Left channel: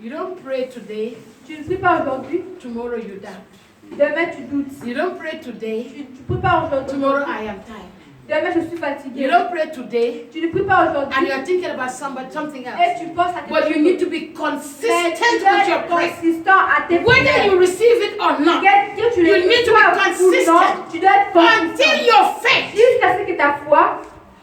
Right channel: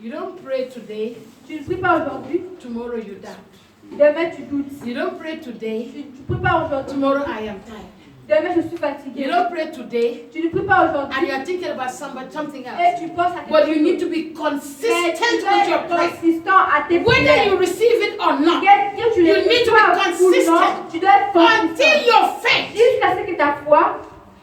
You don't pray today. Tu ne pries pas aujourd'hui. Tomorrow you doubt. Demain tu doutes. You don't pray today. Tu ne pries pas aujourd'hui. Tomorrow I am tired. Demain je suis fatigué. You don't pray today. Tu ne pries pas aujourd'hui. And you are thinking about something else. Et tu penses à But you need to be Mais consistent tu dois with your être prayer. consistant à tes Whether prières. you receive it or not. Que tu You les need to reçois be ou consistent. non, tu dois être consistant. Until your faith. Jusqu'à ce que ta foi.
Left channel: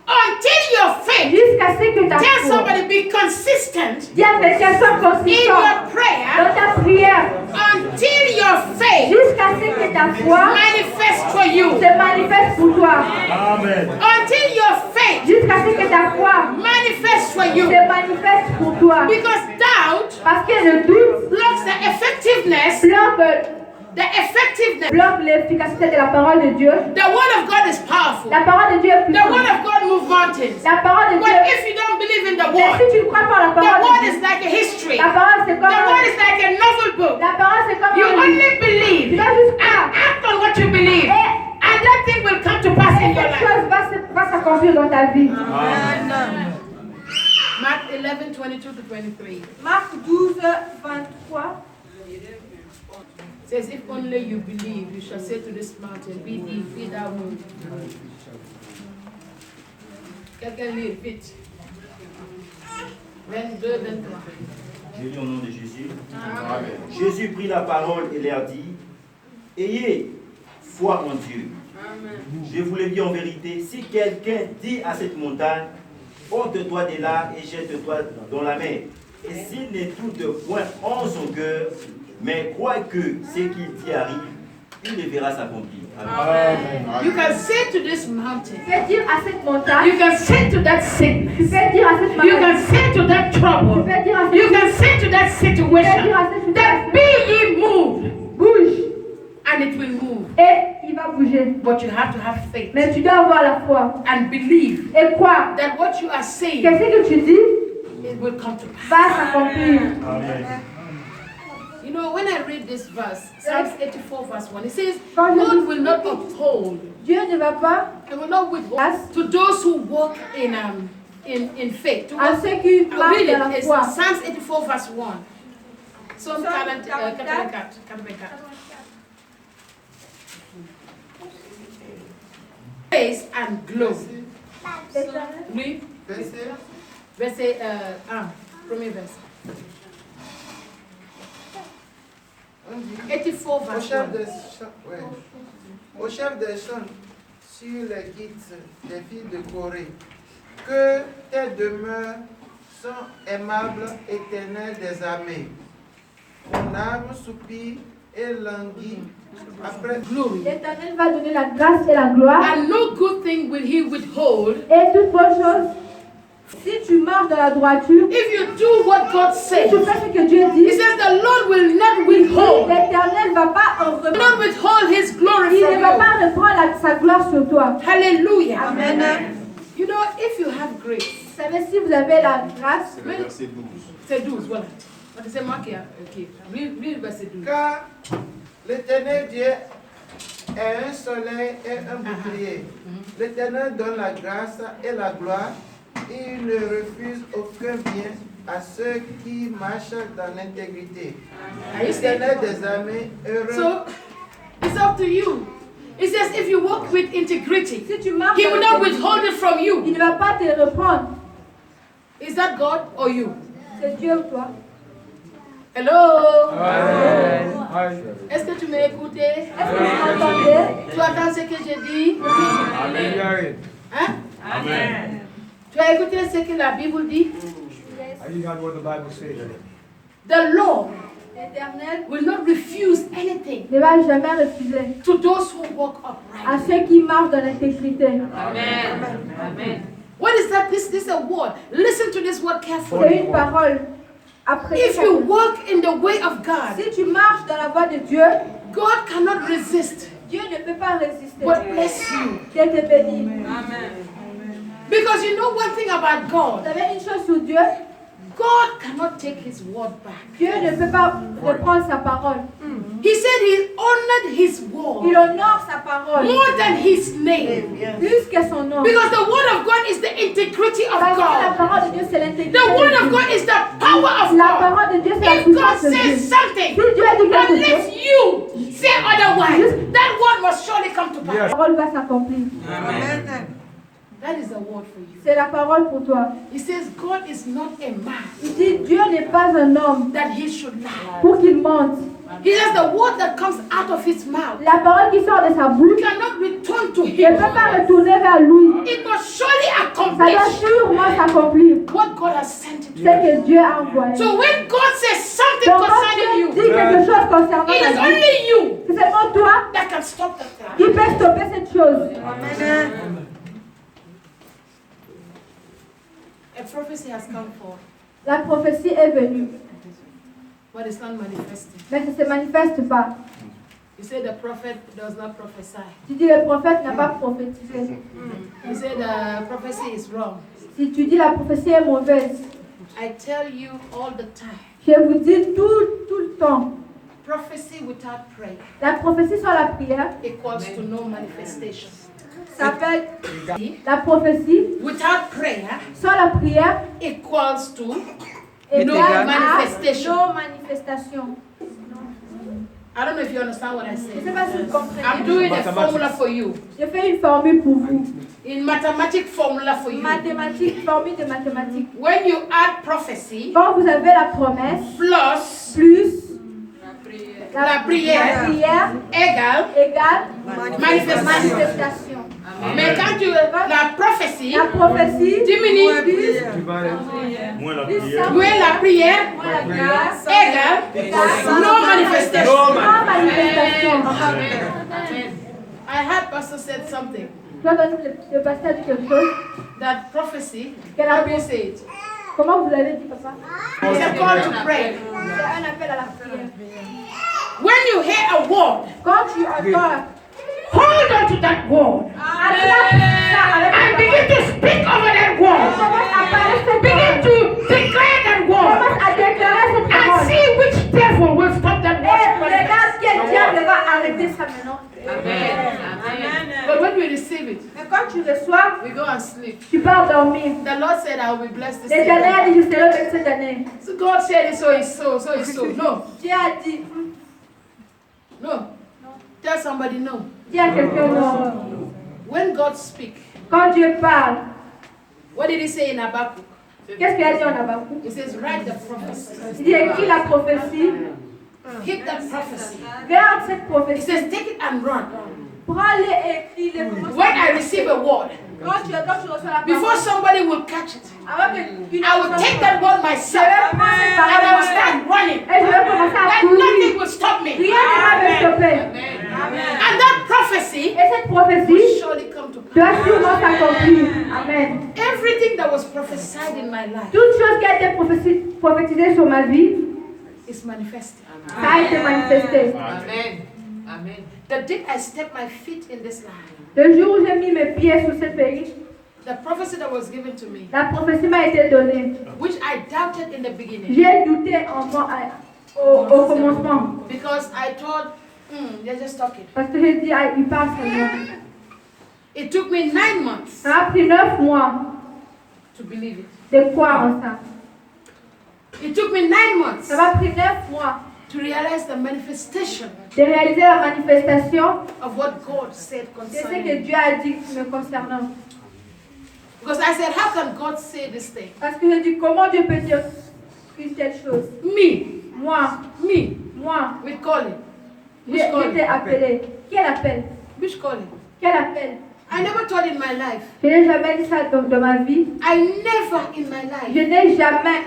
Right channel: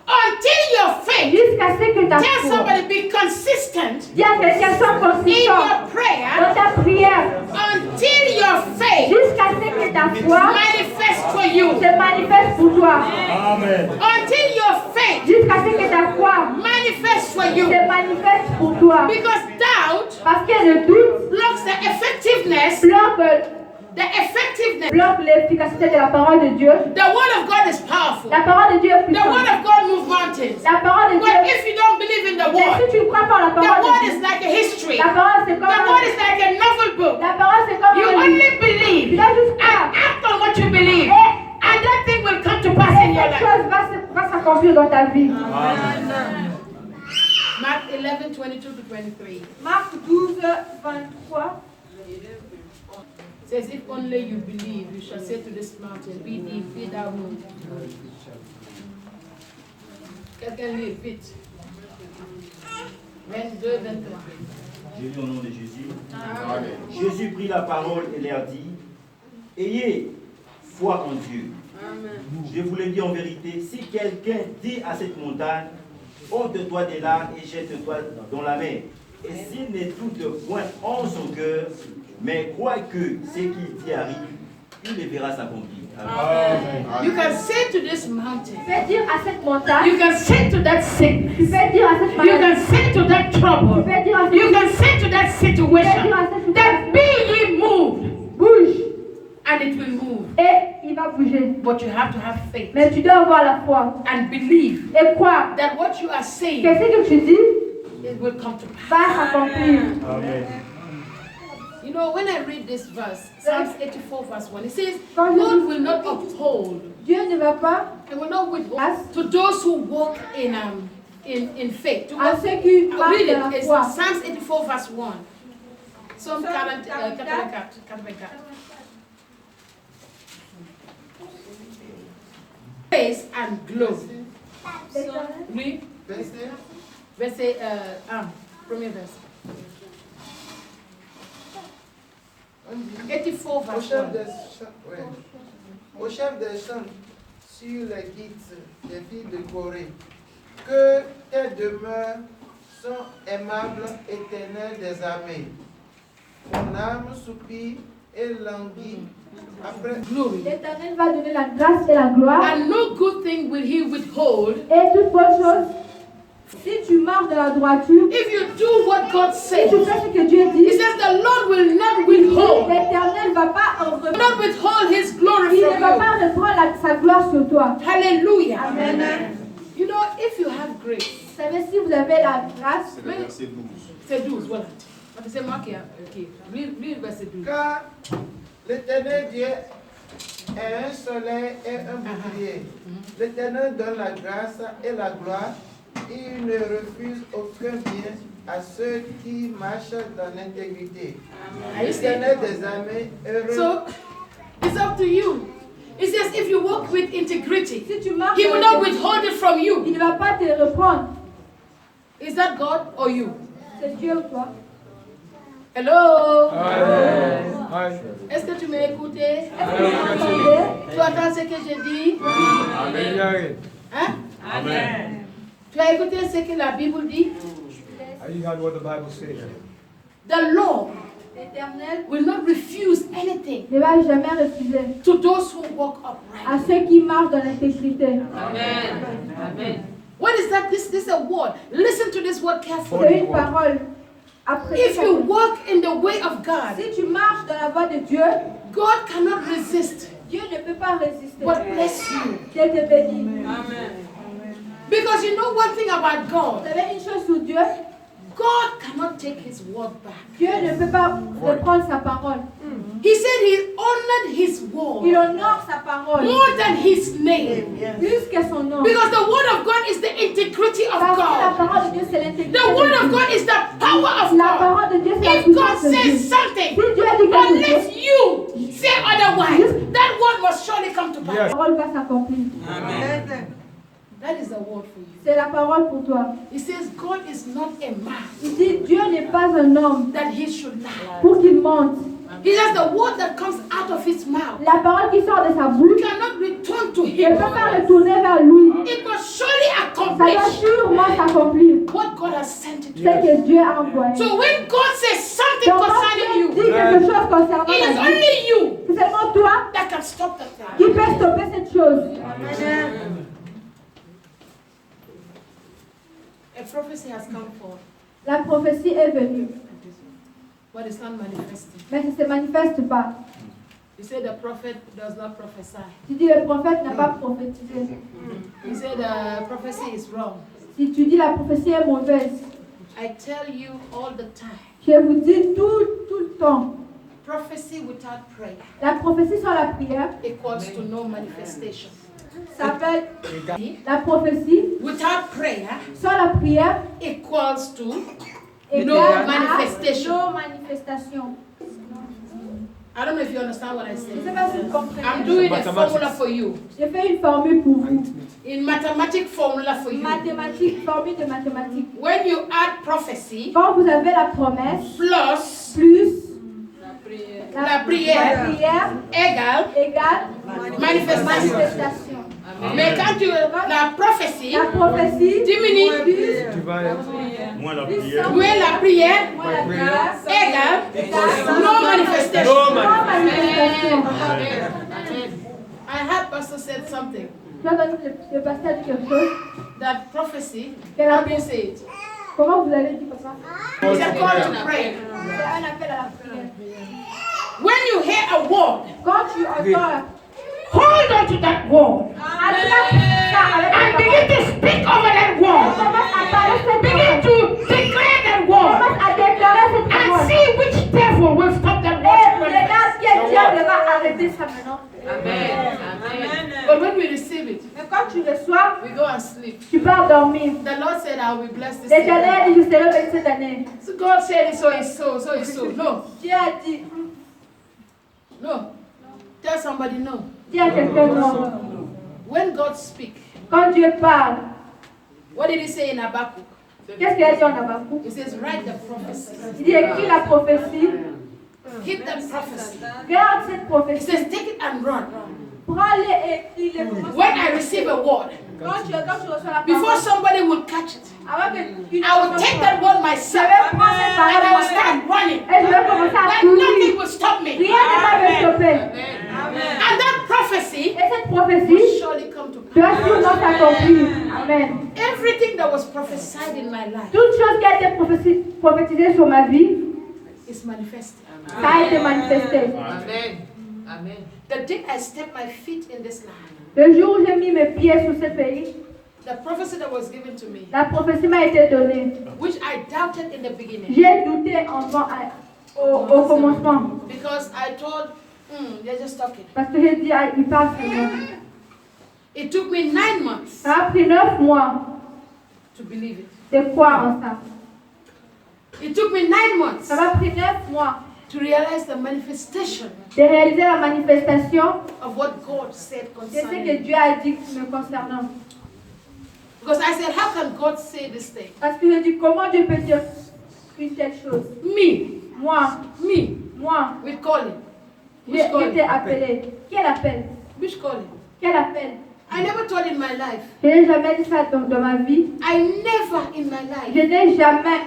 Until your faith. Jusqu'à ce que ta Tell foi. somebody be consistent Dis à quelqu'un sois in consistant your prayer. dans ta prière. Until your faith Jusqu'à ce que ta foi manifests for you. se manifeste pour toi. Amen. Until your faith Jusqu'à ce que ta foi manifests for you. se manifeste pour toi. Because doubt Parce que le doute blocks the effectiveness. bloque l'efficacité de la parole de Dieu. The word of God is powerful. La parole de Dieu est The word puissante. of God moves mountains. La parole de But Dieu. if you don't believe in the Mais word, si tu ne crois pas en la the parole word de is Dieu, like a history. la parole c'est comme The word is like a novel book. la parole c'est comme You un livre. only believe Tu dois juste and croire. act on what you believe, and that thing will come to pass in Et your cette life. chose va s'accomplir dans ta vie. Mark 11:22 to 23 Marc 12, 23. says, "If only you believe, you shall say to this mountain, be thou moved." Quelqu'un lit vite. 22, 23. J'ai lu au nom de Jésus. Jésus prit la parole et leur dit, ayez foi en Dieu. Je vous le dis en vérité, si quelqu'un dit à cette montagne, ôte-toi de là et jette-toi dans la mer, et s'il ne doute point en son cœur, mais croit que ce qu'il dit arrive, il le verra s'accomplir. Amen. You can say to this mountain, Tu peux dire à cette montagne, you can say to that sickness, tu peux dire à cette you maladie, can say to that trouble, tu peux dire à you cette can say to that situation, that be ye moved, bouge and it will move. et il va bouger. But you have to have faith Mais tu dois avoir la foi and believe et croire that what you are saying, que ce que tu dis it will come to pass. va s'accomplir. Amen. You know, when I read this verse, Psalms 84 verse 1, it says, Quand je God lis- will not uphold, Dieu ne va pas and will not withhold to those who walk in faith. To à walk, ceux qui I'll marchent read dans it. la It's foi. Psalms 84 verse 1. Psalm 44. Praise and glory. Oui. Verset 1. Premier verset. 84 verse 1. Au chef des chants sur les guides des filles de Corée, que tes demeures sont aimables, éternelles des armées. Mon âme soupire et languit après Glory. L'Éternel va donner la grâce et la gloire And no good thing will he withhold et toute bonne chose. Si tu marches dans la droiture, if you do what God si says. tu fais ce que Dieu He dit, says the Lord will not withhold, l'Éternel ne va pas en will reprendre. not withhold his glory Il from ne va you. pas reprendre sa gloire sur toi. Hallelujah. Amen. You know, if you have grace, Vous savez, si vous avez la grâce, c'est 12, voilà. C'est moi qui a. Ok, lis le verset 12. car l'Éternel Dieu est un soleil et un bouclier. L'Éternel donne la grâce et la gloire. Il ne refuse aucun bien à ceux qui marchent dans l'intégrité. Are you saying? L'Éternel des armées heureux. So, it's up to you. It says if you walk with integrity, si tu marches, he will not dans la withhold it from il you. ne va pas te reprendre. Is that God or you? C'est Dieu ou toi. Hello? Est-ce que tu m'as écouté? Est-ce que vous m'entendez? Tu attends ce que j'ai dit? Hein? Amen. Tu as écouté ce que la Bible dit? You got what the Bible says. The Lord L'Éternel will not refuse anything ne va jamais refuser to those who walk à upright. ceux qui marchent dans l'intégrité. Amen. What is that? This is a word. Listen to this word carefully. C'est une parole. Après, If you walk in the way of God, si tu marches dans la voie de Dieu, God cannot resist Dieu ne peut pas résister. but bless you. Dieu te bénit. Because you know one thing about Vous God, savez une chose sur Dieu, God cannot take his word back. Dieu ne peut pas reprendre sa parole. He said he honored his Il word honore sa parole more than his name. plus que son nom. Because the word of God is the integrity of Parce que la God. parole de Dieu, c'est l'intégrité. The word of God is the power of La God. parole de Dieu, c'est la If God puissance de Dieu. says Si something, Dieu a dit quelque unless chose, you say otherwise, that word must surely come to la pass. parole va s'accomplir. That is the word for you. C'est la parole pour toi. He says God is not a man Il dit, Dieu n'est pas un homme that he should lie. pour qu'il mente. He says the word that comes out of his mouth La parole qui sort de sa bouche cannot return to ne him. peut pas retourner vers lui. It must surely Ça doit accomplish sûrement s'accomplir. what God has sent it to. C'est que Dieu a envoyé. So when God says something Donc quand concerning Dieu you, dit quelque chose concernant it is ta vie, only you c'est seulement toi that can stop that thing. qui peux stopper cette chose. A prophecy has come forth, La prophétie est venue, but it's not manifested. mais ça ne se manifeste pas. You say the prophet does not prophesy. Tu dis le prophète n'a pas prophétisé. You say the prophecy is wrong. Si tu dis la prophétie est mauvaise, I tell you all the time, je vous dis tout le temps, prophecy without prayer la prophétie sans la prière equals to no manifestation. s'appelle la prophétie Without prayer sans la prière equals to égale no à manifestation. no manifestation. I don't know if you understand what I Je ne sais say. pas si vous I'm comprenez. doing a formula for you. Je fais une formule pour vous. In mathematic formula for you. Mathématiques, formule de mathématiques. When you add prophecy Quand vous avez la promesse plus plus la prière égale égale manifestation. manifestation. Mais quand tu la prophétie La prophétie diminue Moins la prière. moins la prière moins la prière égale no manifestation. sans manifestation. I heard Pastor said something Tu as entendu le pasteur dire quelque chose? that prophecy. Quelle How do you say it? Comment vous l'avez dit, papa? It's a call to pray. C'est un appel à la prière. When you hear a word, Quand tu entends hold on to that word and begin to speak over that word. Begin to declare that word commence à déclarer cette and parole. see which devil will stop that Et word. regarde quel diable va arrêter ça maintenant. But when we receive it, Mais quand tu reçois, we go and sleep. tu pars dormir. The Lord said, I will be blessed this L'éternel year. a dit, je serai béni cette année. So God said it, so it's so, so it's so. No, Dieu a dit, no. Tell somebody no. dis à quelqu'un non. When God speaks, Quand Dieu parle, what did he say in Habakkuk? qu'est-ce qu'il a dit en Habakkuk? He says, write the prophecy. Il dit, écris la prophétie, Keep that prophecy. garde cette He prophétie, says, take it and run. prends-les et écris-les. When I receive a word, Quand tu reçois la before parole, somebody will catch it, avant que une I will take that word je myself vais prendre cette and I will parole start running. et je vais commencer à That courir. nothing will stop me. Rien ne va me stopper. And that prophecy Et cette will prophétie surely come to pass. doit sûrement s'accomplir. Amen. Everything that was prophesied in my life Toute chose qui a été prophétisée sur ma vie, is manifested. ça a été manifesté. Amen. The day I step my feet in this land, Le jour où j'ai mis mes pieds sur ce pays, the prophecy that was given to me, la prophétie m'a été donnée. which I doubted in the beginning, J'ai douté en moi au commencement. because I thought, they're just talking. Parce que j'ai dit, ah, il parle seulement. It took me 9 months Ça a pris 9 mois to believe it. de croire en ça. It took me 9 months Ça m'a pris 9 mois to realize the manifestation de réaliser la manifestation of what God said de ce que concerning me. Dieu a dit me concernant. Because I said, how can God say this thing? Parce que je dis, comment Dieu peut dire une telle chose? Me, Moi, with calling. j'ai Which été calling? appelé. Quel appel? Which calling? Quel appel? I never thought in my life. Je n'ai jamais dit ça dans ma vie. I never in my life. Je n'ai jamais,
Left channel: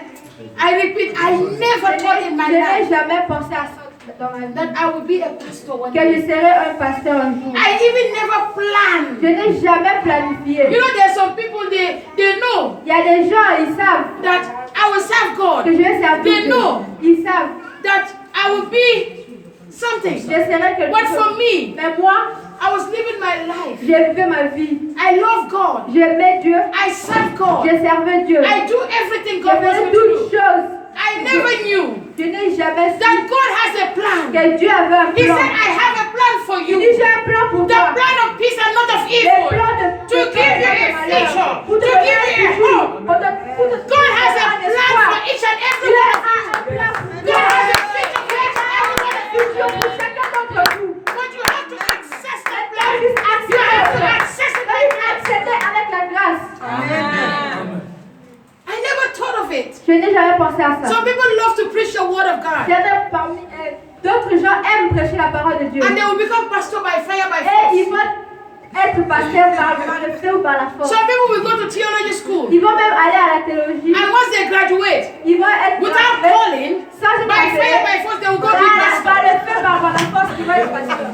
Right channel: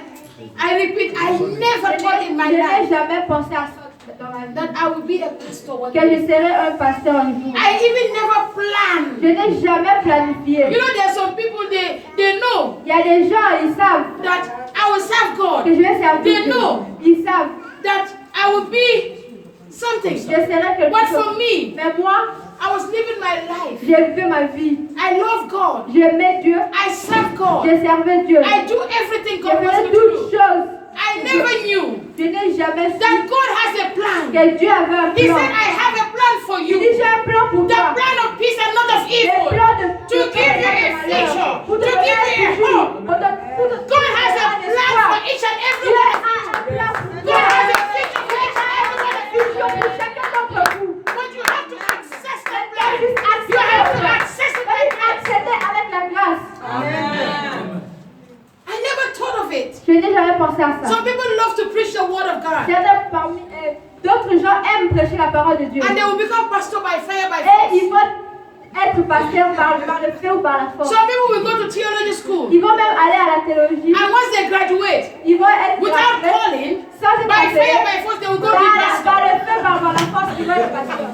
I repeat, I never thought in my je n'ai life jamais pensé à ça dans ma vie. that I would be a pastor one Que je day. serais un pasteur un jour. I even never Je planned. n'ai jamais planifié. You know, there's some people they know Il y a des gens, ils savent that I will serve God. que je vais servir They Dieu. know Ils savent that I will be something. je serai quelque But chose. for me, Mais moi, I was living my life. J'ai vécu ma vie. I love God. J'aimais Dieu. I serve God. Je servais Dieu. I do everything Je God wants faisais me toutes to do. choses. I never knew Je n'ai jamais su that God has a plan. que Dieu avait un He plan. said, I have a plan for Il dit, you. j'ai un plan pour The toi. plan of peace and not of Le evil. plan de To give you a future. Pour To te give donner you a un futur. hope. Pour te God has a donner un plan espoir. for each and every Il one a of you. un plan pour God toi. has a future for each and every one of you. Pour chacun d'entre vous. But you have to access the plan. Juste You have to access it by grace. accepter avec la grâce. I never thought of it. Je n'ai jamais pensé à ça. Some people love to preach the word of God. D'autres gens aiment prêcher la parole de Dieu. And they will become pastor by fire, by Et ils force. vont être pasteurs par le feu ou par la force. Some people will go to theology school. Ils vont même aller à la théologie. And once they graduate, Ils vont être without gradués. calling, Sans être by fire, appelés. by force, they will go be Par pastor. le feu, par la force, ils vont être pasteurs.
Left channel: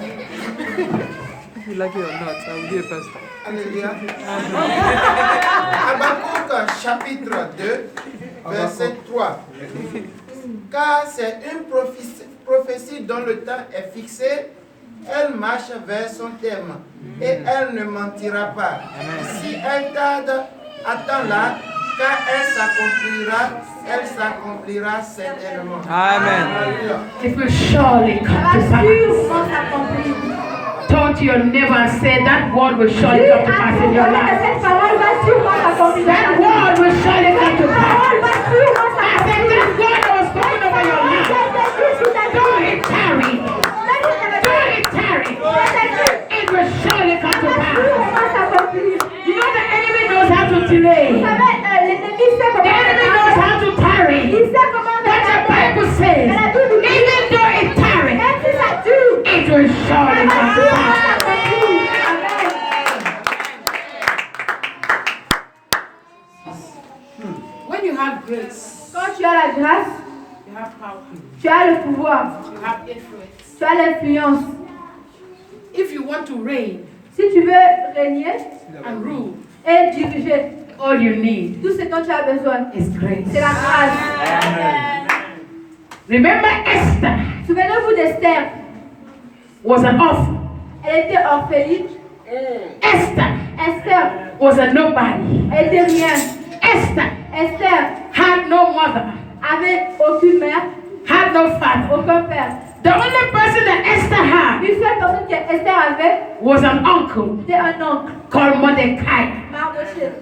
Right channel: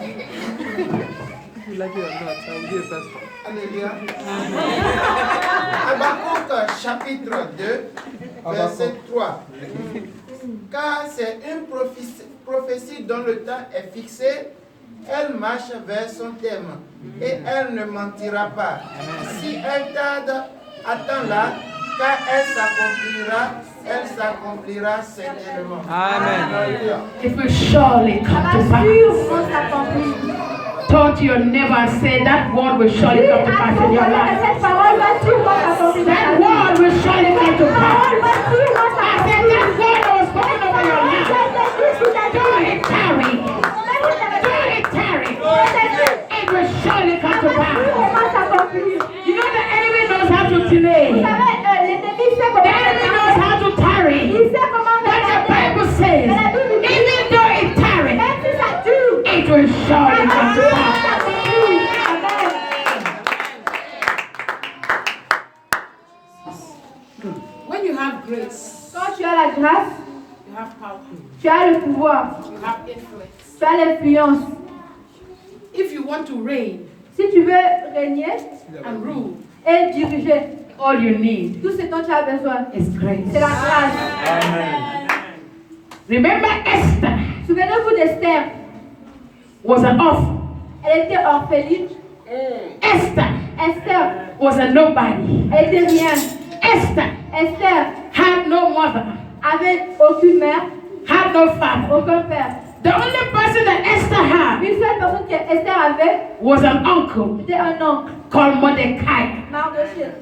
Alléluia. Habakkuk chapitre 2, verset 3. Car c'est une prophétie dont le temps est fixé, elle marche vers son terme et elle ne mentira pas. Si elle tarde, attends-la, car elle s'accomplira certainement. Amen. It will surely come Ça to va pass. sûrement s'accomplir. Turn to your neighbor and say, that word will surely come to pass in your life. Cette parole va sûrement s'accomplir. That word will surely come to Cette parole pass. va sûrement I said, s'accomplir. that word that was spoken over your life. Don't it tarry. Don't it tarry. It will surely come to pass. You know the enemy knows how to delay. The enemy knows how to tarry. But the Bible says, even though it tarry, it will surely come to pass. When you have grace, Quand tu as la grâce, you have power, tu as le pouvoir, you have influence. tu as l'influence. If you want to reign Si tu veux régner and rule, et diriger, all you need tout ce dont tu as besoin, is grace. c'est la grâce. Remember Esther Souvenez-vous d'Esther. was an orphan. Elle était orpheline. Esther Esther, was a nobody. elle était rien. Esther Esther had no mother, avait aucune mère, had no father. aucun père. The only person that Esther had Une seule personne que Esther avait, was an uncle c'était un oncle, called Mordecai. Mardochée.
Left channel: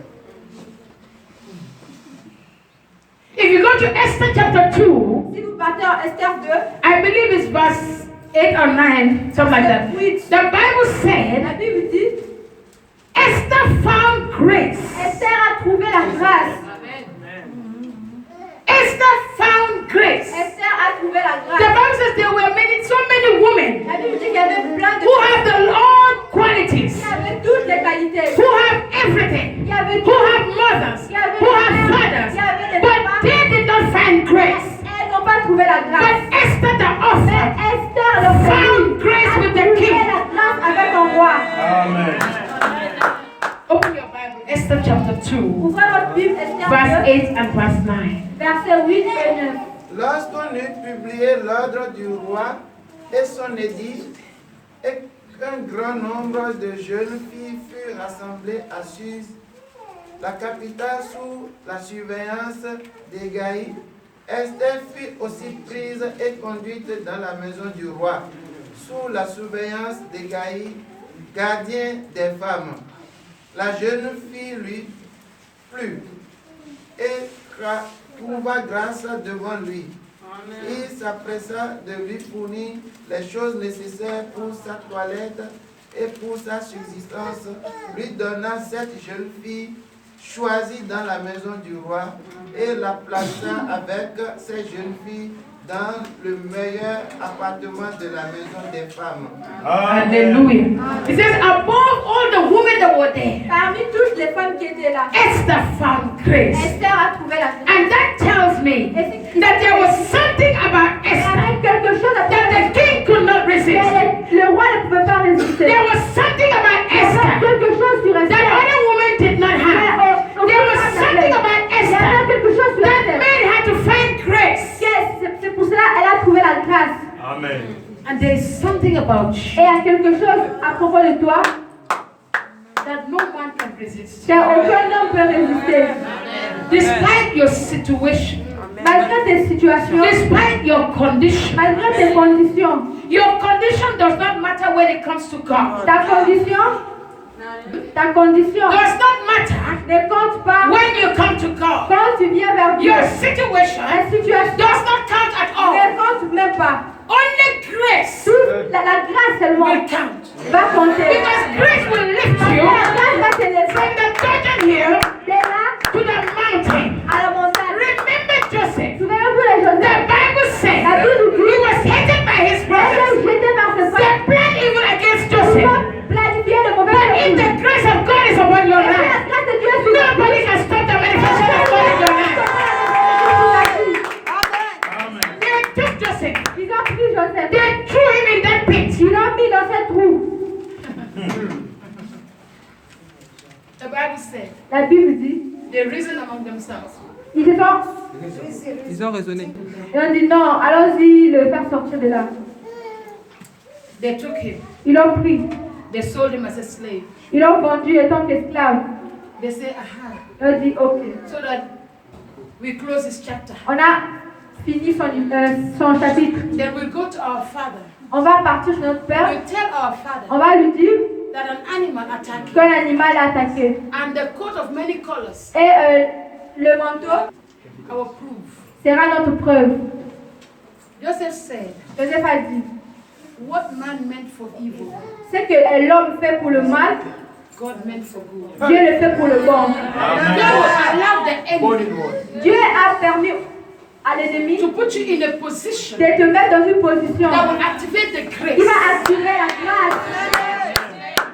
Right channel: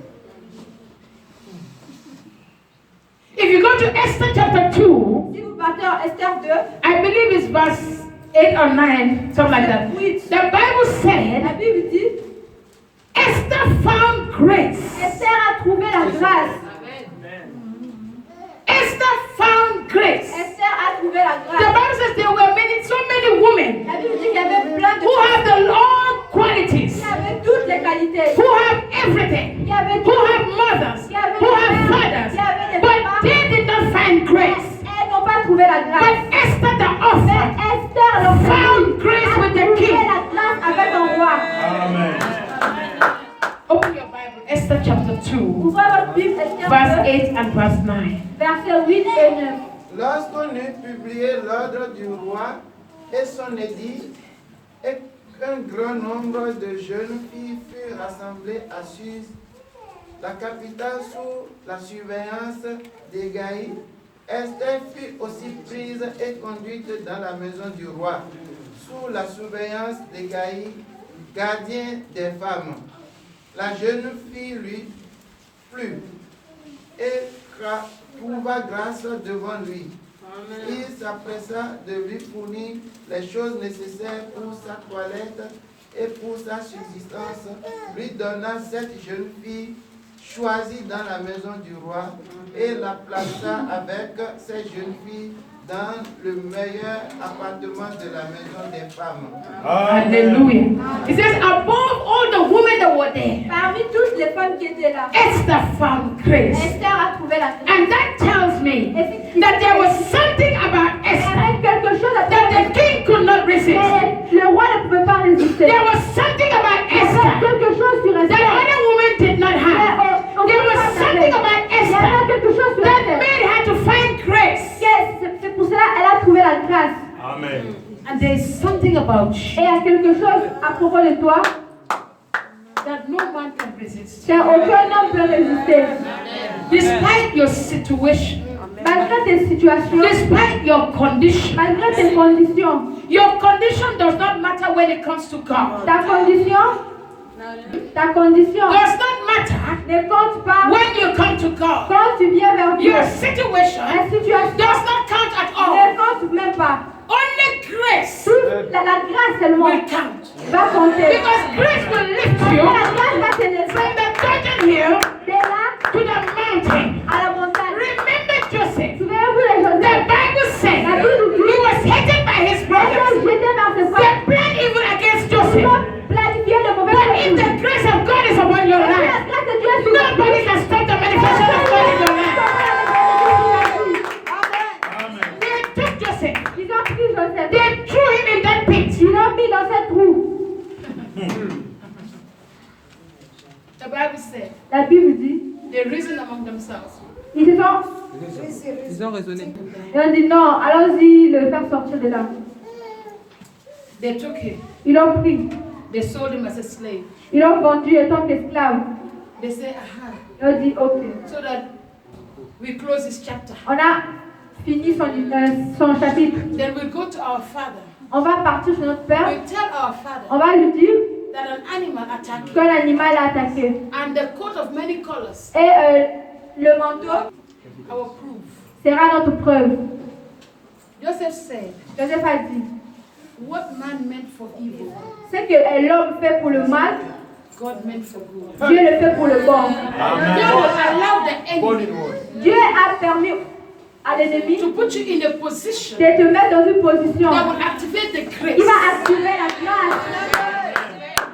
If you go to Esther chapter 2, Si vous partez en Esther 2, I believe it's verse 8 or 9, something like that. The Bible said la Bible dit, Esther found grace. Esther a trouvé la grâce. Esther found grace. Esther a trouvé la The grâce. Bible says there were so many women La Bible dit qu'il y avait plein de who have the Lord qualities, qui avaient toutes les qualités. who have everything, Qui avaient who tout. have mothers, Qui avaient who des have mères, fathers, qui avaient des but papas. they did not find grace. Elles n'ont pas trouvé la grâce. But Esther the Mais orphan Esther, found grace with the trouvé king. la grâce avec un roi. Amen. Open your Bible, Esther chapter 2, Ouvrez votre Bible, Esther verse 2, 8 and verse 9. versets 8 et 9. Lorsqu'on eut publié l'ordre du roi et son édit, et qu'un grand nombre de jeunes filles furent rassemblées à Suse, la capitale sous la surveillance d'Hégaï, Esther fut aussi prise et conduite dans la maison du roi, sous la surveillance d'Hégaï, gardien des femmes. La jeune fille lui plut et trouva grâce devant lui. Il s'appressa de lui fournir les choses nécessaires pour sa toilette et pour sa subsistance, lui donna cette jeune fille choisie dans la maison du roi et la plaça avec ces jeunes filles dans le meilleur appartement de la maison des femmes. Hallelujah. It says, above all the women that were there, Parmi toutes les femmes qui étaient là, Esther found grace. Esther a trouvé la grâce. And that tells me that there was something about Il y Esther avait quelque chose à that the king could not resist. mais le roi ne pouvait pas résister. There was something about Il y avait Esther quelque chose sur that Esther. other women did not have. There was something about Il y avait Esther quelque chose sur that Esther. made her to find grace. C'est pour cela qu'elle a trouvé la grâce. Amen. And there is something about Et you il y a quelque chose à propos de toi that no man can resist. qu'aucun homme peut résister. Despite your situation, Malgré tes situations, despite your condition, malgré tes conditions, your condition does not matter when it comes to God. ta condition Does not matter ne compte pas when you come to God. quand tu viens vers Dieu. Your situation La situation does not count at all. ne compte même pas. Only grace Toute la grâce seulement will count. va compter. Because grace will lift La you grâce va t'élever from the Jordan hill de là to the mountain. à la montagne. Remember Joseph. Souvenez-vous les The Joseph. Bible said La Bible dit he was hated by his elle brothers. est jetée par ses They frères. planned evil against Ils Joseph. ont planifié de mauvais But if choses. the grace of God is upon your Et si la life, grâce de Dieu est sur toi, nobody can stop the manifestation of God in your life. They took Joseph. ils ont pris Joseph. They threw him in that pit. Ils l'ont mis dans cette trou. The Bible said La Bible dit, they reasoned among themselves. ils Ils ont raisonné. ont dit non, allons-y le faire sortir de là. They took him. Ils l'ont pris. They sold him as a slave. Ils l'ont vendu étant qu'esclave. They said, aha, Ils ont dit ok. so that we close this chapter. On a fini son chapitre. Then we'll go to our father. On va partir chez notre père. We'll tell our father On va lui dire that an animal attacked him. qu'un animal a attaqué. And the coat of many colors, Et le manteau our proof. sera notre preuve. Joseph said, Joseph a dit, what man meant for evil, ce que l'homme fait pour le mal, God meant for good. Dieu le fait pour le bon. God will allow the enemy Dieu a permis à l'ennemi to put you in a position de te mettre dans une position that will activate the grace. qui va activer la grâce.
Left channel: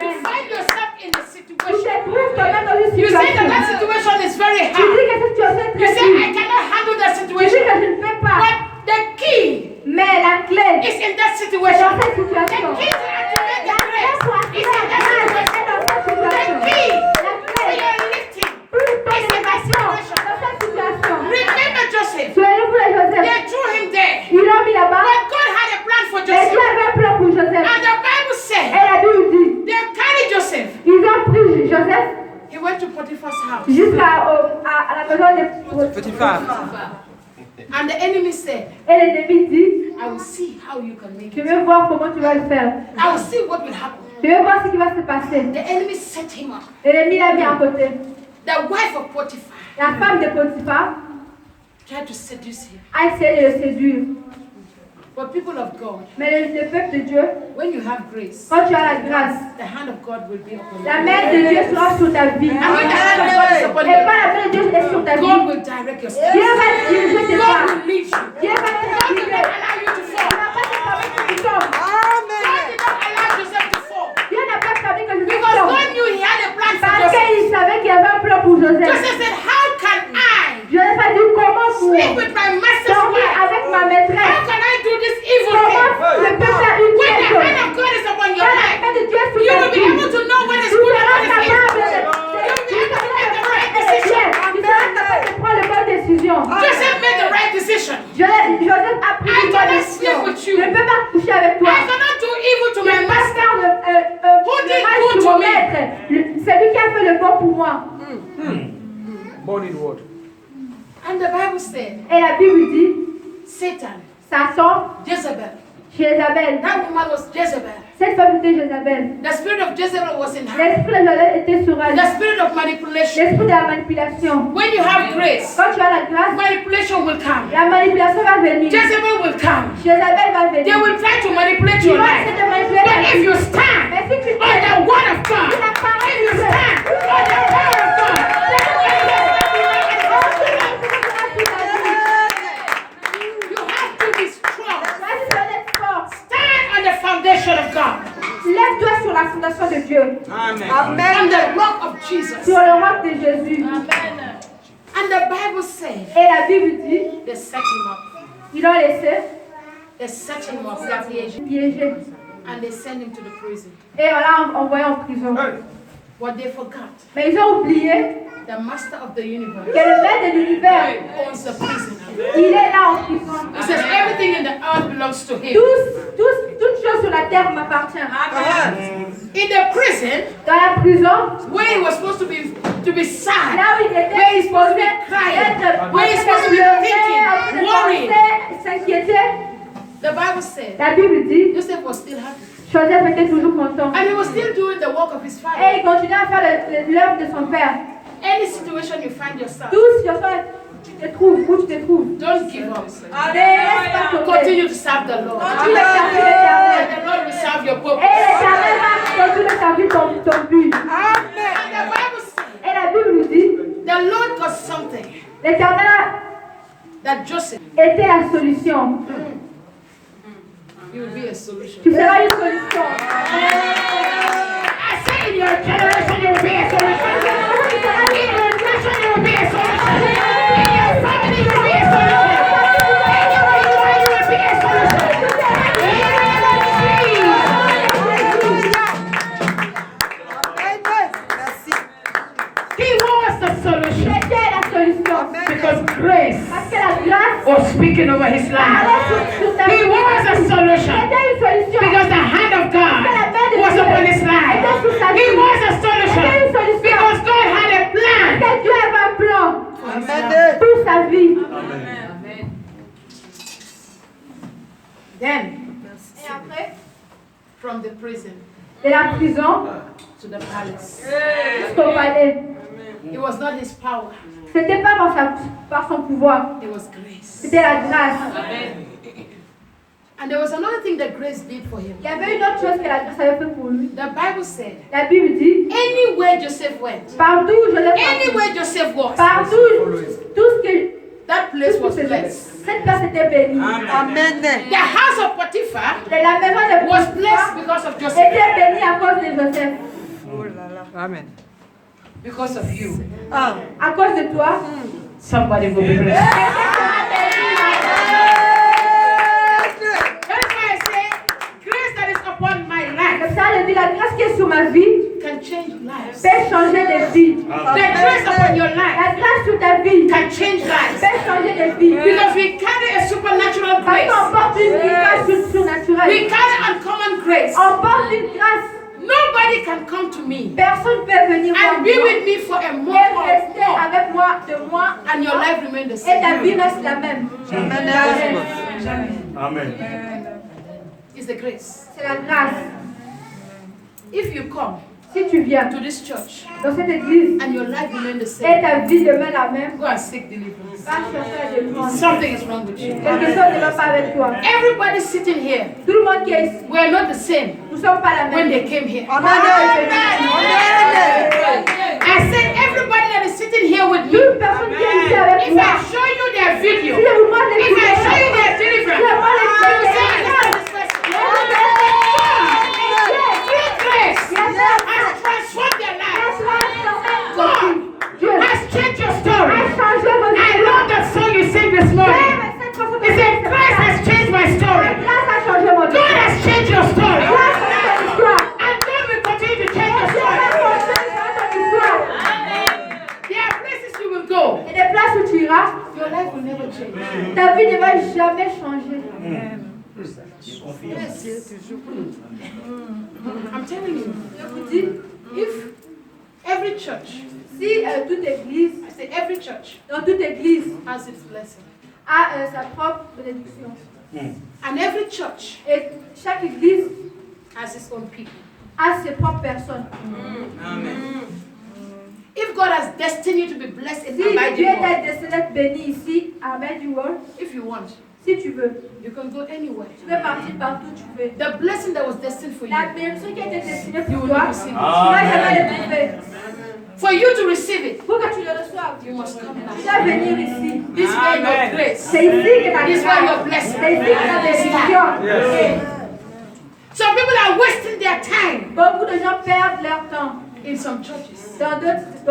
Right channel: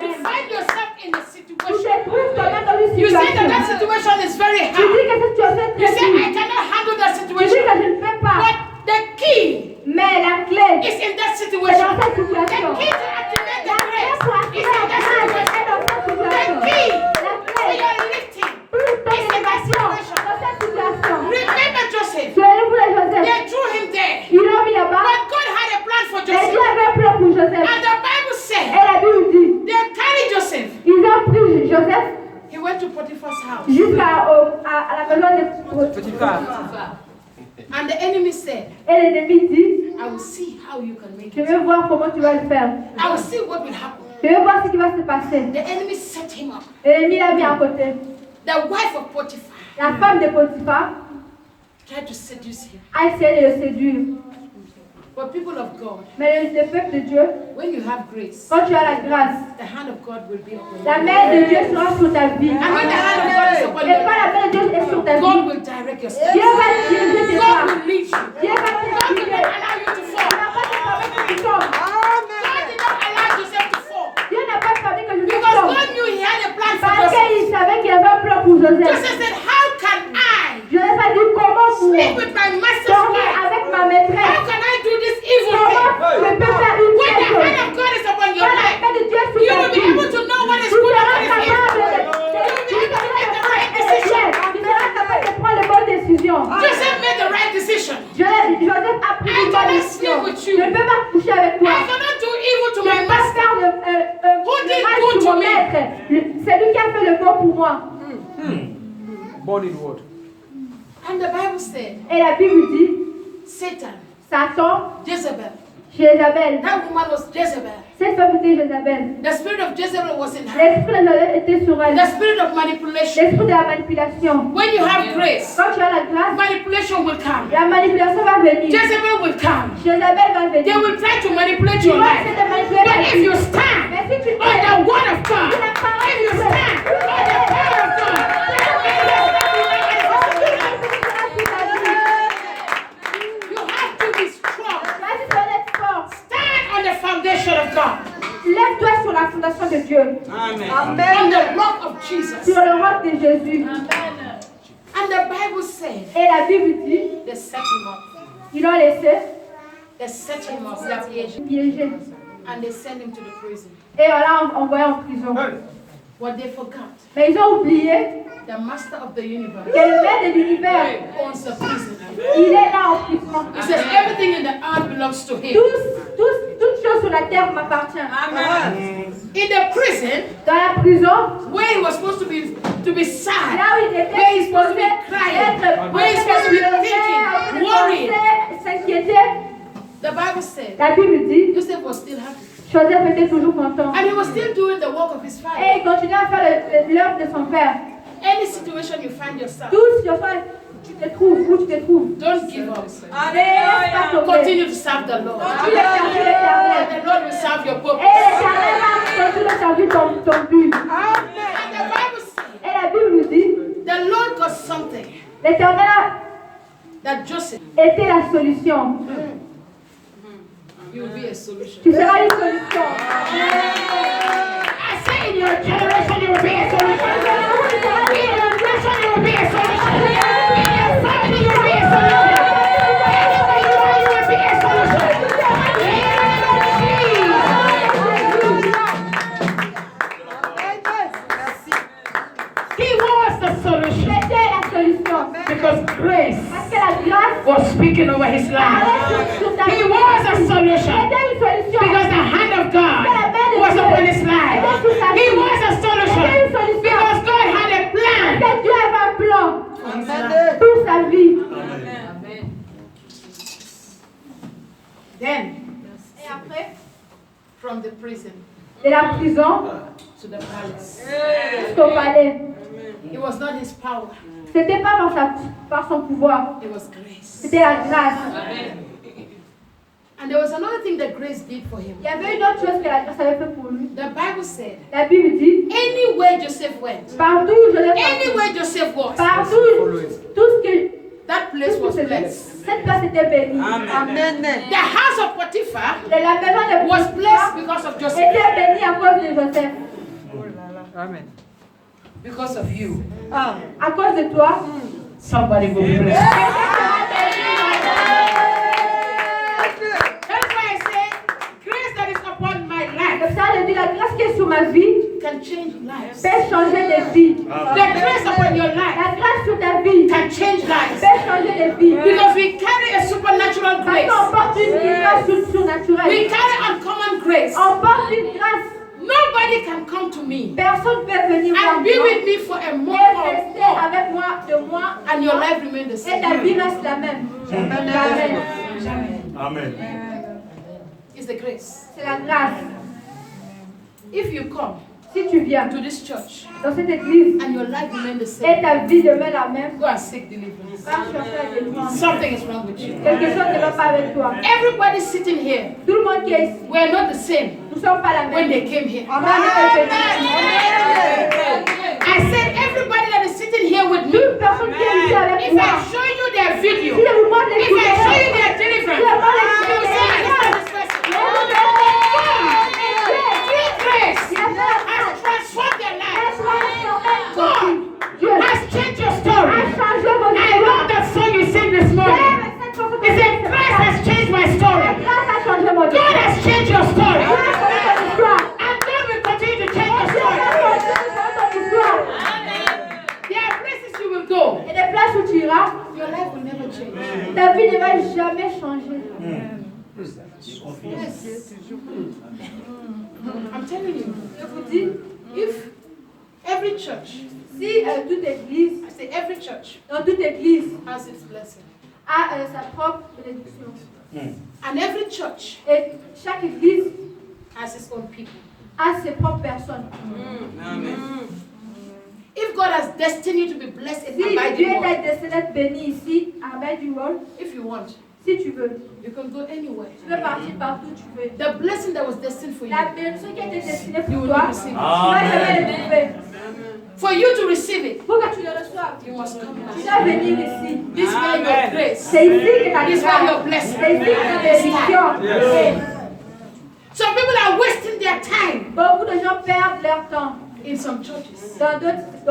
You find yourself in a Tu situation. te trouves toi-même dans une You say that situation. that situation is very Tu dis hard. que cette situation est You très say, I dure. cannot handle that Tu dis situation. que je ne peux pas. But the key Mais la clé is in that est situation. dans cette The situation. key to activate La the clé grace pour is activer in la that grâce situation. est dans cette The situation. key La for clé your lifting pour ton is in that élévation situation. dans cette situation. Remember Joseph. Souvenez-vous de Joseph. They threw him there. Ils l'ont mis là-bas. But God had a plan for Et Dieu Joseph. avait un plan pour Joseph. And the Bible Et said la Bible dit, they carried Joseph. ils ont pris Joseph He went to Potiphar's house. jusqu'à à la maison de Petit phare. And the enemy said, Et l'ennemi dit, I will see how you can make je it. vais voir comment tu vas le faire. I will see what will happen. Je vais voir ce qui va se passer. The enemy set him up. Et l'ennemi l'a mis à côté. The wife of Potiphar La femme de Potiphar tried to seduce him. a essayé de le séduire. But people of God, Mais le peuple de Dieu, when you have grace, quand tu as la grâce, the hand of God will be upon la you. main de Dieu sera sur ta vie. And when the hand of God is upon Et you, quand la main de Dieu est sur ta God vie, will direct your Dieu steps. va diriger tes God pas. will lead you. Dieu va te God will guider. not allow you to Il fall. ne va pas te permettre que tu tombes. God did not allow Joseph to fall. Dieu n'a pas permis que je Because tombe. God knew he had a plan for Parce Joseph. qu'il savait qu'il y avait un plan pour Joseph. Joseph said, how can I Joseph a dit comment sleep pour with my master's dormir wife? avec ma How maîtresse. can I do this evil Comment thing? je peux faire une When the chose? hand of God is upon your Quand la life, main de Dieu est sur you ta will be vie, able to know what is tu good and seras what is evil. capable de tu seras capable de prendre les bonnes décisions. Joseph made the right decision. Joseph a pris I une bonne cannot décision. sleep with you. Je ne peux pas coucher avec toi. I cannot do evil to Je my ne peux pas master. faire Who le did mal good sur to mon me? maître. Celui qui a fait le bon pour moi. Born in what? And the Bible said, Et la Bible dit, Satan, Satan, Jezebel, Jézabel. that woman was Jezebel. Cette femme était Jézabel. The spirit of Jezebel was in her. L'esprit de Jézabel était sur elle. The spirit of manipulation. L'esprit de la manipulation. When you have grace, Quand tu as la grâce, manipulation will come. la manipulation va venir. Jezebel will come. Jézabel va venir. They will try to manipulate Tu your vas life. essayer de manipuler But ta if vie. you stand Mais si tu on the word of God, la parole if you de Dieu, stand on the word of God, you have to be strong. Stand on the foundation of God, Lève-toi sur la fondation de Dieu. Amen. on the rock of Jesus. Sur le roc de Jésus. And the Bible said Et la Bible dit, they set him up. ils l'ont laissé They set him up, la piège, piégé. and they sent him to the prison. Et on l'a envoyé en prison. What they forgot, Mais ils ont oublié the master of the universe que le maître de l'univers, owns the prison. il est là en prison. He says everything in the earth belongs to him. Toutes choses sur la terre m'appartient. In the prison, Dans la prison, where he was supposed to be sad, là où il était where he's supposed to be être crying, where he's supposed to be thinking, worrying, s'inquiéter, the Bible said la Bible dit, Joseph was still happy. Joseph était toujours content. And he was still doing the work of his Et father. il continuait à faire l'œuvre de son père. Any situation you find yourself, Tout ce tu te trouves, où tu te trouves. don't give up. Mais laisse pas tomber. Continue to serve the Lord. Continue à servir l'Éternel. And the Lord will serve your Et purpose. l'Éternel va continuer à servir ton but. And the Bible says Et la Bible nous dit, the Lord got something l'Éternel that Joseph, était la solution. you will be a solution. Tu seras une solution. I say in your generation you will be a solution. In your nation you will be a solution. In your family you will be a solution. Anywhere you are, you will be a solution. In the name of Jesus. He was the Il solution était la solution. because grace Parce que la grâce was speaking over his life. allait sur ta He vie. was a Il solution était une solution. because the hand of God was upon his life. He was a solution because God had a plan Parce que Dieu avait un plan for his life. pour sa vie. Then, Et après, from the prison de la prison to the palace, jusqu'au palais. it was not his power, C'était pas par son pouvoir. it was grace. C'était la grâce. And there was another thing that grace did for him. Il y avait une autre chose que la grâce avait fait pour lui. The Bible said, La Bible dit, anywhere Joseph went, partout où je l'ai parti, anywhere Joseph was, partout, tout ce que that place was blessed. cette place était bénie. The house of Potiphar Et la maison de was blessed Potiphar because of Joseph, était bénie à cause de Joseph. Amen. because of you. À cause de toi. Somebody will be blessed. That's why I say, grace that is upon my life Comme ça, je dis, la grâce qui est sur ma vie can change lives. peut changer des vies. The grace upon your life La grâce sur ta vie can change lives. peut changer des vies. Because we carry a supernatural Parce grace. qu'on porte une grâce We surnaturelle. carry uncommon grace. On porte une grâce. Nobody can come to me Personne ne peut venir voir and be moi with me for a et month or rester more, avec moi de moi and your life remain the et ta vie same. reste la même. Amen. Amen. It's the grace. C'est la grâce. If you come Si tu viens to this church dans cette église and your life remain the et same, ta vie demeure la même, go and seek deliverance. va chercher la délivrance. Something is wrong with you. Quelque chose ne va pas avec toi. Everybody sitting here, Tout le monde qui est ici, we are not the same nous ne sommes pas la when même. they came here. Amen. I said everybody that is sitting here with me, Toute personne qui est ici avec if moi, I show you their video, si je vous montre les if I show you vidéos, their deliverance, you will say, I know this person. Through grace has transformed their lives. God has changed your story. I love that song you sing this morning. It said, Christ has changed my story. God has changed your story. And God will continue to change your story. There are places you will go. Et des places où tu iras, Your life will never change. ta vie ne va jamais changer. I'm telling you, Je vous dis, if every church, si toute église, I say every church dans toute église, has its blessing, a sa propre bénédiction, and every church et chaque église has its own people. a ses propres personnes. If God has destined you to be blessed in Si Dieu Abiding t'a World, décidé d'être béni ici, à Abiding World, if you want, si tu veux, you can go anywhere. tu peux partir partout où tu veux. The blessing that was destined for La you, bénédiction qui a été destinée you pour will toi, not receive tu it. vas jamais le trouver. For you to receive it, Pour que tu le reçoives, you must come tu back. dois venir ici. This way your grace. C'est ici que ta This way your grâce, blessing. c'est ici que ta bénédiction. Some people are wasting their time Beaucoup de gens perdent leur temps in some churches. dans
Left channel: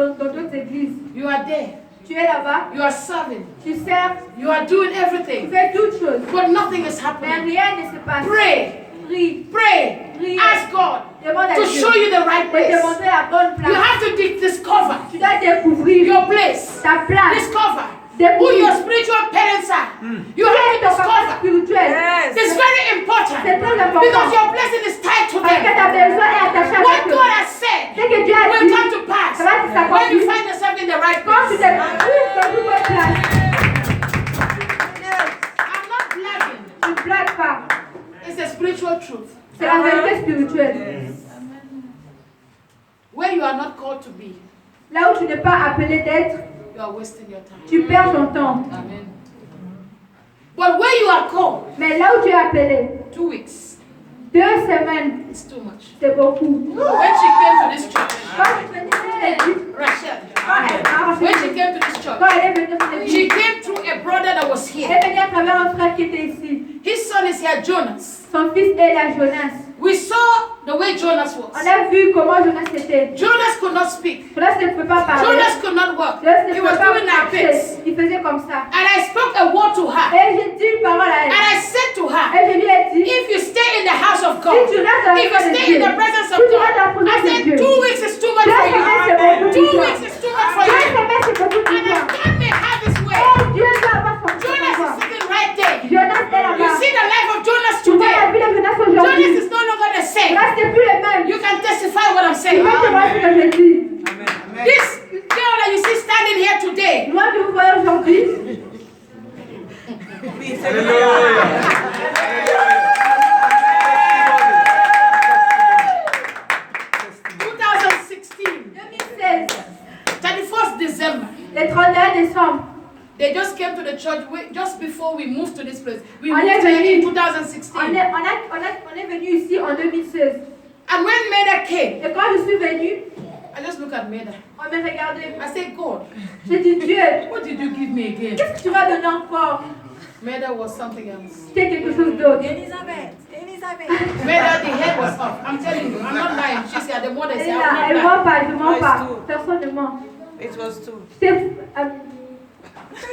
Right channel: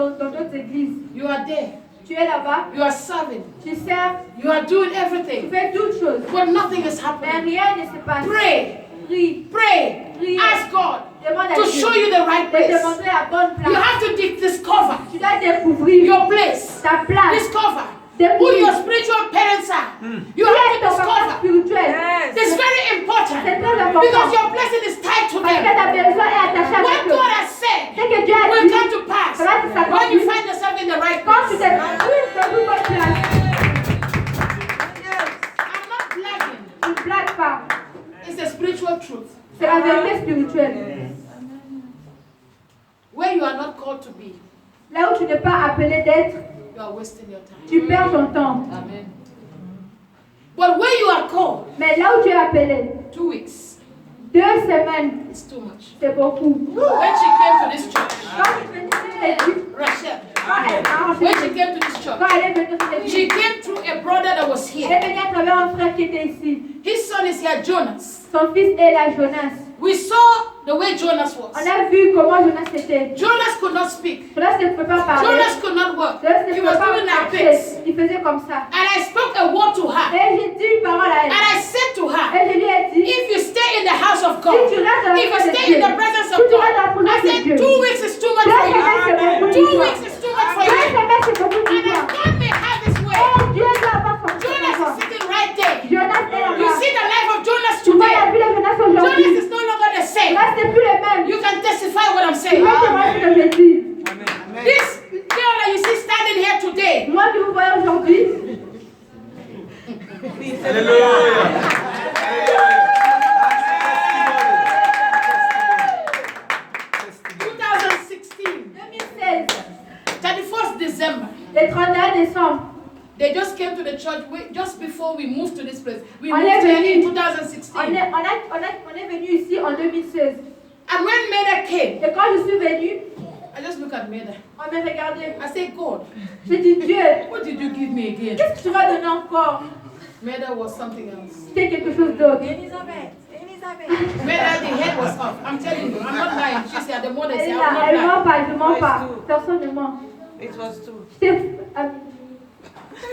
d'autres églises. You are there, Tu es là-bas, you are serving, tu sers, you are doing tu everything, fais toutes choses, but nothing is mais happening. rien ne se passe. Pray, Prie, pray, ask God demande à to Dieu show you the right de place. te montrer la bonne You place. have to discover Tu dois découvrir your place. ta place. Discover who your spiritual parents are. You have to Ton papa discover. spirituel. It's very important important. C'est très important. Because your blessing is tied to Parce que them. ta maison est attachée What avec eux. God has said Ce que Dieu a will dit, come to pass ça va s'accomplir. when you find yourself in the right Quand tu place. te trouves dans une bonne place, I'm not bragging. tu ne blagues pas. It's a spiritual truth. C'est la vérité spirituelle. Where you are not called to be, Là où tu n'es pas appelé d'être, you are wasting your time. tu perds ton temps. Amen. But where you are called, Mais là où tu es appelé, 2 weeks 2 semaines, is too much. c'est beaucoup. When she came to this church, Quand tu venais sur l'église, Rachel, quand elle a when enseigné, she came to this church, quand elle est venue sur she l'église, came through a brother that was elle here. est venue à travers un frère qui était ici. His son is here, Jonas. Son fils est là, Jonas. We saw the way Jonas was. On a vu comment Jonas était. Jonas could not speak. Jonas ne peut pas parler. Jonas could not work. Jonas ne He peut was pas doing like marcher. this. Il faisait comme ça. And I spoke a word to her. Et j'ai dit une parole à And elle. I said to her, Et je lui ai dit, if you stay in the house of si God, tu restes dans la if you présence de stay Dieu, in the presence of si tu God, restes dans la I présence de said Dieu, 2 weeks is too much for 2 you. semaines c'est beaucoup 2 pour toi. weeks is too much for 2 you. semaines c'est beaucoup pour And toi. if God may have his way, Et Dieu doit avoir son Jonas pouvoir. is sitting right there. Jonas est You là-bas. see the life of Jonas Tu vois la today. vie de Jonas Jonas aujourd'hui. is no longer the same. Jonas n'est plus le même. You can testify what I'm Tu saying. vois ce que je dis. This girl that you see standing here today, Moi que vous voyez aujourd'hui, 2016, 2016, 31st December, le 31 décembre, they just came to the church just before we moved to this place. We On moved est here in venu. 2016. on est venu ici en 2016. And when Meda came, Et quand je suis venue, I just look at Meda. on m'a regardé. I say, God, J'ai dit, Dieu, what did you give me again? qu'est-ce que tu m'as donné encore? Meda was something else. C'était quelque chose d'autre. Meda, the head was off. I'm telling you, I'm not lying. She said, the mother Elle said, est I'm là, not elle lying. ment pas, je mens pas. Personne ne ment. It was two. C'est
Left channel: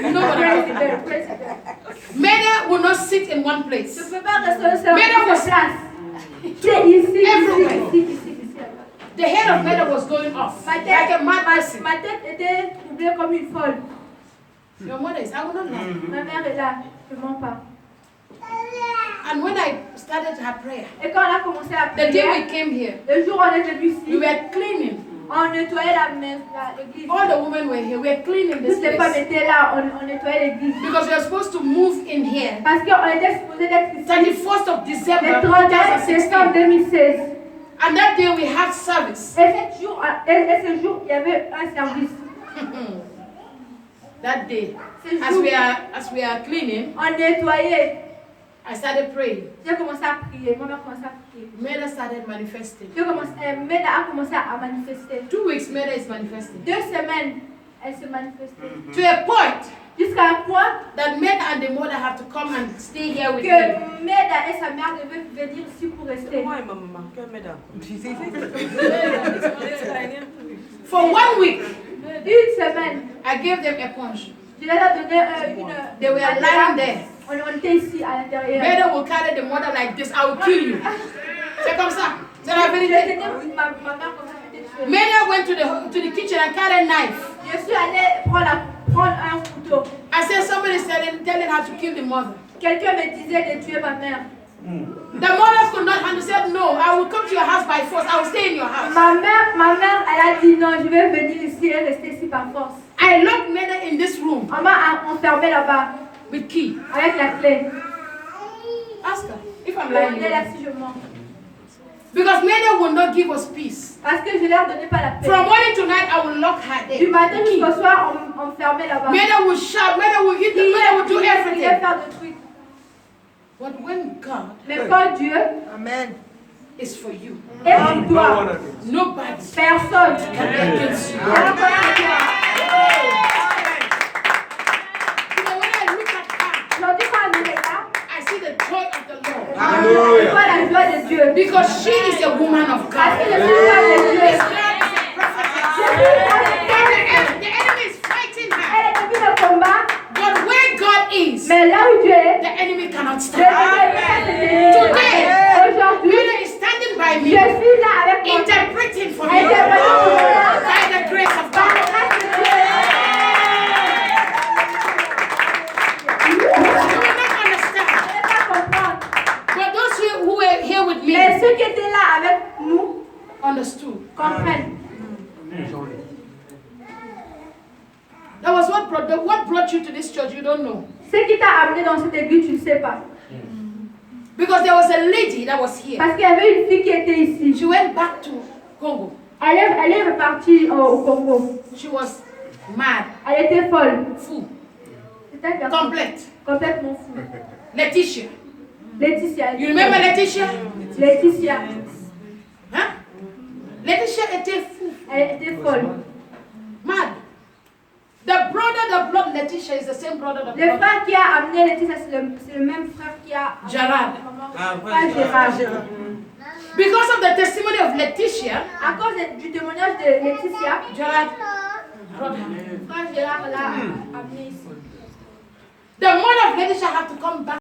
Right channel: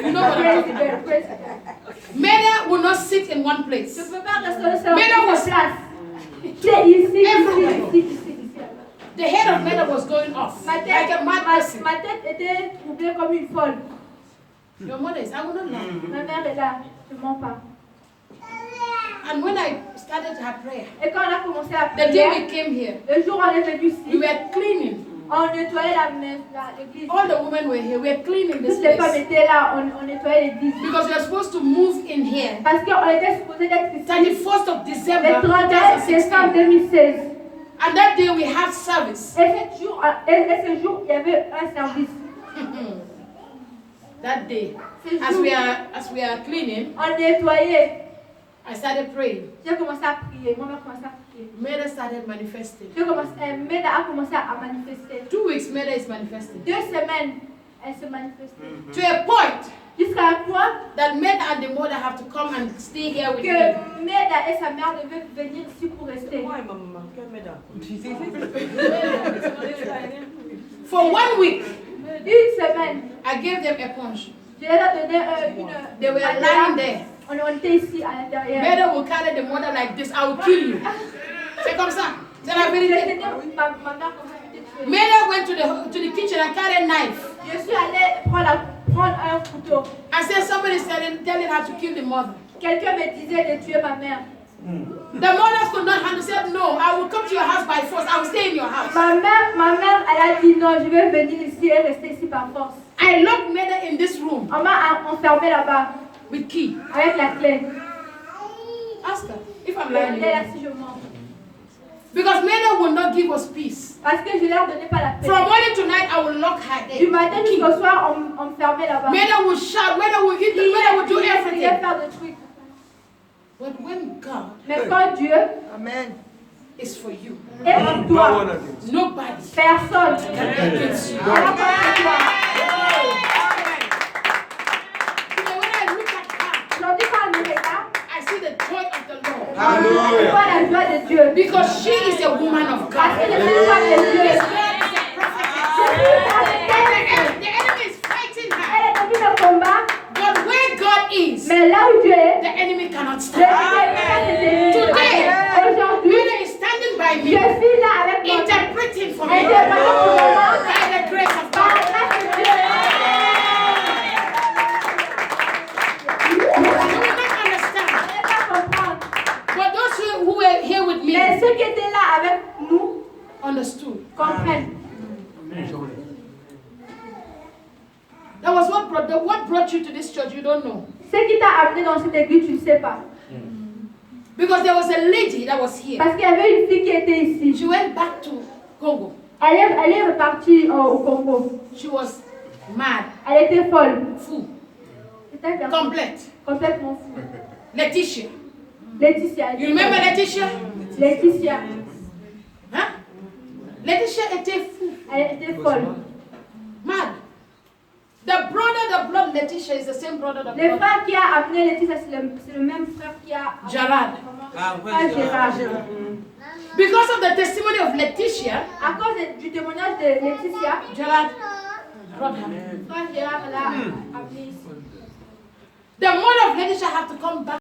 You know what I'm talking about. président. Meda will not sit in one place. Je ne peux pas rester seul Mais là, en was- place. C'est ici, Everywhere. ici. The head of Meda was going off Ma like a mad person. ma tête était troublée comme une folle. Your mother is, I will not lie. Ma mère est là, je ne mens pas. And when I started her prayer, Et quand on a commencé à the day we prier, came here, le jour où on est venu we ici, were cleaning. on nettoyait l'église. All the women were here. We were cleaning this Toutes les femmes place étaient là, on nettoyait l'église. because we were supposed to move in here. Parce qu'on était supposé d'être ici 31st of December le 31 décembre 2016. 2016. And that day we had service. Et ce jour, il y avait un service. That day, Ce as jour, we are cleaning, on nettoyait. I started praying. J'ai commencé à prier. Moi, j'ai commencé à prier. Meda started manifesting. Meda a commencé à manifester. 2 weeks, Meda is manifesting. 2 semaines, elle se manifestait. To a point Jusqu'à un point that Meda and the mother have to come and stay here with me. que Meda et sa mère devaient venir ici pour rester. Moi et ma maman, que mesdames. For 1 week, Une semaine, I gave them a punch. je leur ai donné une. They were lying there. On était ici à l'intérieur. Meda will carry the mother like this. I will kill you. C'est comme ça. C'est la vérité. Ma mère commençait à être tuée. Meda went to the kitchen and carried a knife. Je suis allée prendre un couteau. I said somebody is telling her to kill the mother. Quelqu'un me disait de tuer ma mère. The mothers could not understand. No, I will come to your house by force. I will stay in your house. Ma mère, elle a dit non, je vais venir ici et rester ici par force. I locked Meda in this room On m'a enfermé là-bas with key. avec la clé. Ask her if I'm lying. Elle est là si je mens. Because Meda will not give us peace. Parce que je leur donnais pas la paix. From morning to night, I will lock her Du there. matin jusqu'au soir, on me fermait là-bas. Meda will shout. Meda will hit. Meda will do Il voulait everything. faire des trucs. But when God Mais quand Dieu Amen. is for you, est pour toi, nobody personne can be against you. ne va contre toi. You know, when I look at her, Aujourd'hui, quand elle me regarde, I see the joy of the Lord. je vois la joie de Dieu. Because she is a woman of Parce God. que je suis femme de Dieu. This girl is a prophetess. Je suis femme de Dieu. The enemy is fighting her. Elle est devenue le combat, But where God is, mais là où Dieu est, the enemy cannot le stand. Seigneur n'est pas Today, aujourd'hui, Mary is standing by je me, suis là avec moi. interpreting for me Interprétant pour moi, by the grace of par la God. grâce de Dieu. You will not understand. Je ne peux pas comprendre. But those who Mais ceux qui étaient là avec nous understood. comprennent. That was what brought you to this church. You don't know. Ce qui t'a amené dans cette église, tu ne sais pas. Because there was a lady that was here. Parce qu'il y avait une fille qui était ici. She went back to Congo. Elle est repartie au Congo. She was mad, Elle était folle. fou, C'est-à-dire complète. complètement fou. Laetitia. Laetitia. You remember Laetitia? Laetitia. Hein? Laetitia était fou, Elle était folle. mad. The brother that brought Laetitia is the same brother that Le brought frère qui a amené Laetitia, c'est le même frère qui a Gerard. Frère Gérard. Because of the testimony of Laetitia, À cause du témoignage de Laetitia, Gerard brought her. frère Gérard l'a amené ici. The mother of Laetitia had to come back